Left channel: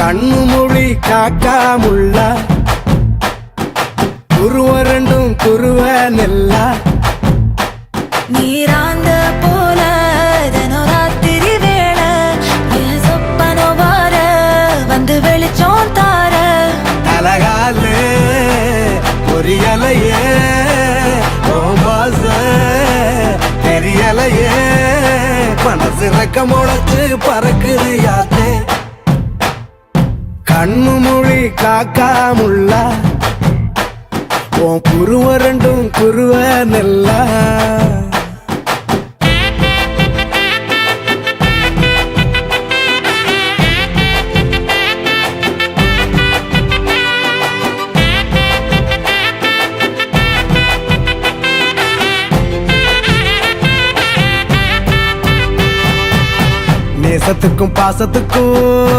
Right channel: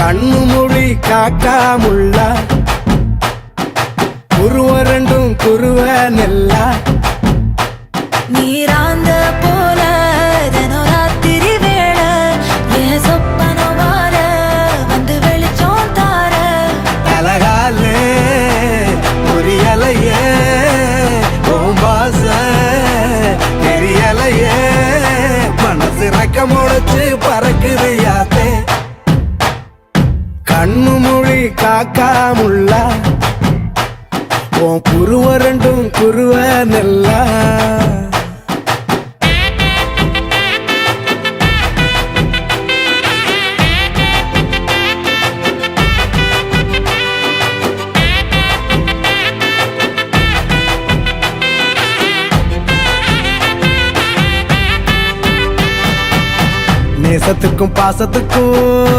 கண்ணு மொழி காக்காமுள்ள குருவ ரெண்டும் குருவ நெல்லா நீராங்க போல தினராத்திரி வேளை என் சொப்பனம் மாற வந்து வெளிச்சம் தார அழகாலே பொரியலையே ஓம்பாச தெரியலையே மனசு ரக்க முளைச்சு பறக்குது யாத்தே கண்ணு மொழி காக்காமுள்ள உன் குருவ ரெண்டும் குருவ நெல்லா நேசத்துக்கும் பாசத்துக்கும்